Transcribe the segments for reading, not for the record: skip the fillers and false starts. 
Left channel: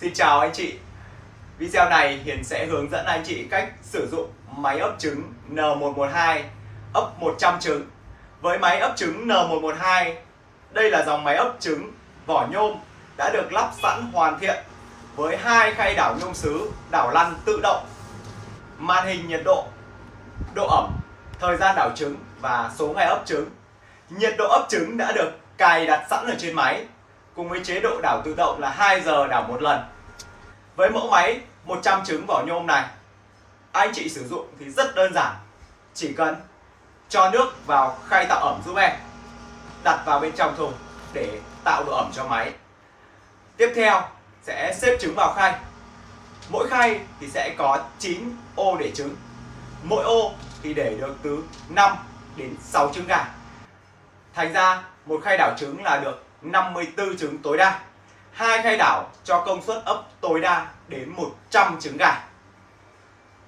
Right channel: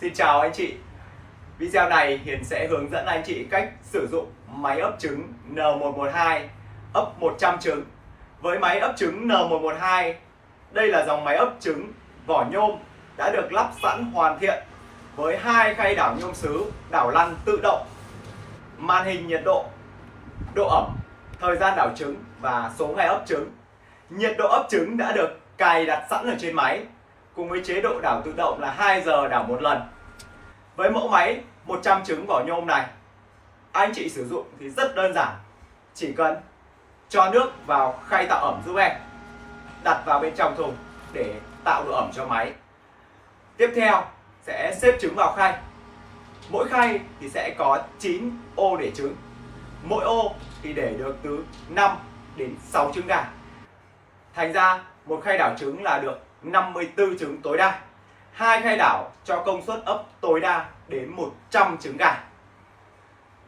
Xin chào anh chị. Video này Hiền sẽ hướng dẫn anh chị cách sử dụng máy ấp trứng N112 ấp 100 trứng. Với máy ấp trứng N112, đây là dòng máy ấp trứng vỏ nhôm đã được lắp sẵn hoàn thiện với 2 khay đảo nhôm sứ đảo lăn tự động, màn hình nhiệt độ, độ ẩm, thời gian đảo trứng và số ngày ấp trứng. Nhiệt độ ấp trứng đã được cài đặt sẵn ở trên máy, cùng với chế độ đảo tự động là 2 giờ đảo một lần. Với mẫu máy 100 trứng vỏ nhôm này, anh chị sử dụng thì rất đơn giản. Chỉ cần cho nước vào khay tạo ẩm giúp em, đặt vào bên trong thùng để tạo độ ẩm cho máy. Tiếp theo sẽ xếp trứng vào khay. Mỗi khay thì sẽ có 9 ô để trứng. Mỗi ô thì để được từ 5 đến 6 trứng gà. Thành ra một khay đảo trứng là được 54 trứng tối đa. 2 khay đảo cho công suất ấp tối đa đến 100 trứng gà.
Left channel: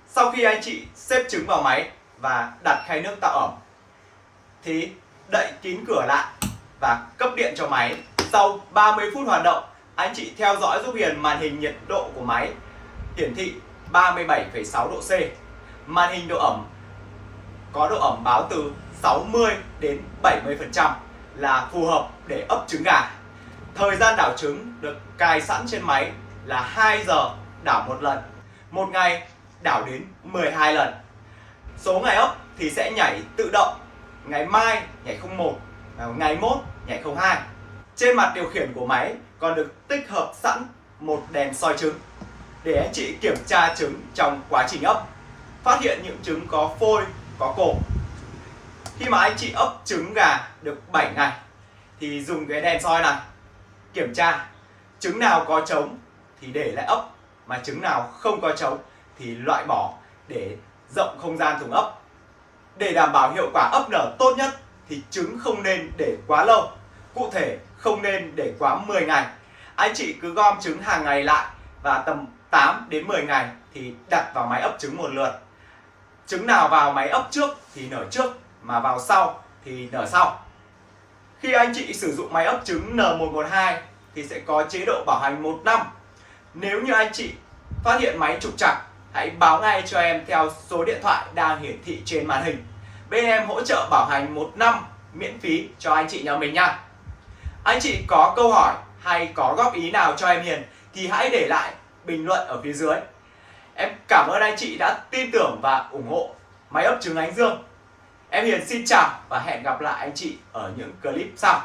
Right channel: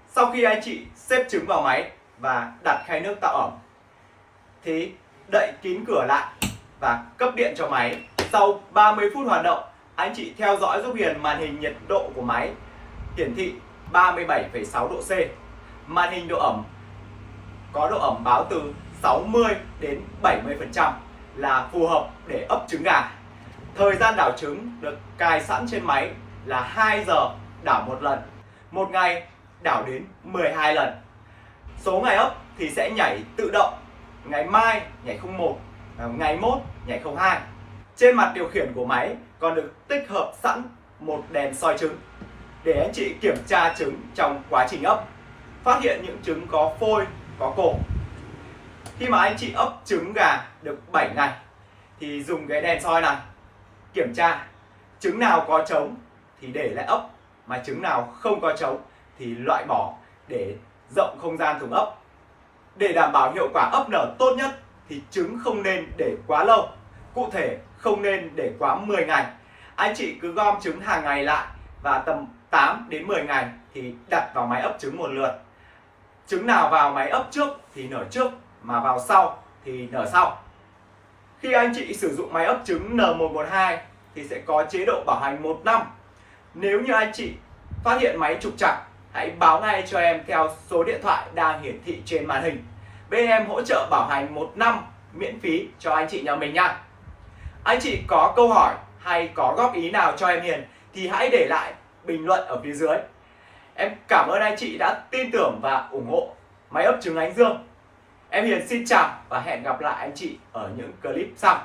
Sau khi anh chị xếp trứng vào máy và đặt khay nước tạo ẩm thì đậy kín cửa lại và cấp điện cho máy. Sau 30 phút hoạt động, anh chị theo dõi giúp Hiền màn hình nhiệt độ của máy hiển thị 37,6 độ C. Màn hình độ ẩm có độ ẩm báo từ 60 đến 70% là phù hợp để ấp trứng gà. Thời gian đảo trứng được cài sẵn trên máy là 2 giờ đảo một lần. Một ngày đảo đến 12 lần. Số ngày ấp thì sẽ nhảy tự động. Ngày mai nhảy 01, ngày mốt nhảy 02. Trên mặt điều khiển của máy còn được tích hợp sẵn một đèn soi trứng để anh chị kiểm tra trứng trong quá trình ấp, phát hiện những trứng có phôi, có cổ. Khi mà anh chị ấp trứng gà được 7 ngày thì dùng cái đèn soi này kiểm tra trứng nào có trống thì để lại ấp, mà trứng nào không có trống thì loại bỏ để rộng không gian thùng ấp. Để đảm bảo hiệu quả ấp nở tốt nhất thì trứng không nên để quá lâu. Cụ thể không nên để quá 10 ngày. Anh chị cứ gom trứng hàng ngày lại và tầm 8 đến 10 ngày thì đặt vào máy ấp trứng một lượt. Trứng nào vào máy ấp trước thì nở trước, mà vào sau thì nở sau. Khi anh chị sử dụng máy ấp trứng N112 thì sẽ có chế độ bảo hành 1 năm. Nếu như anh chị phát hiện máy trục trặc, hãy báo ngay cho em theo số điện thoại đang hiển thị trên màn hình. Bên em hỗ trợ bảo hành 1 năm miễn phí cho anh chị nhà mình nha. Anh chị có câu hỏi hay có góp ý nào cho em Hiền thì hãy để lại bình luận ở phía dưới. Em cảm ơn anh chị đã tin tưởng và ủng hộ máy ấp trứng Ánh Dương. Em Hiền xin chào và hẹn gặp lại anh chị ở những clip sau.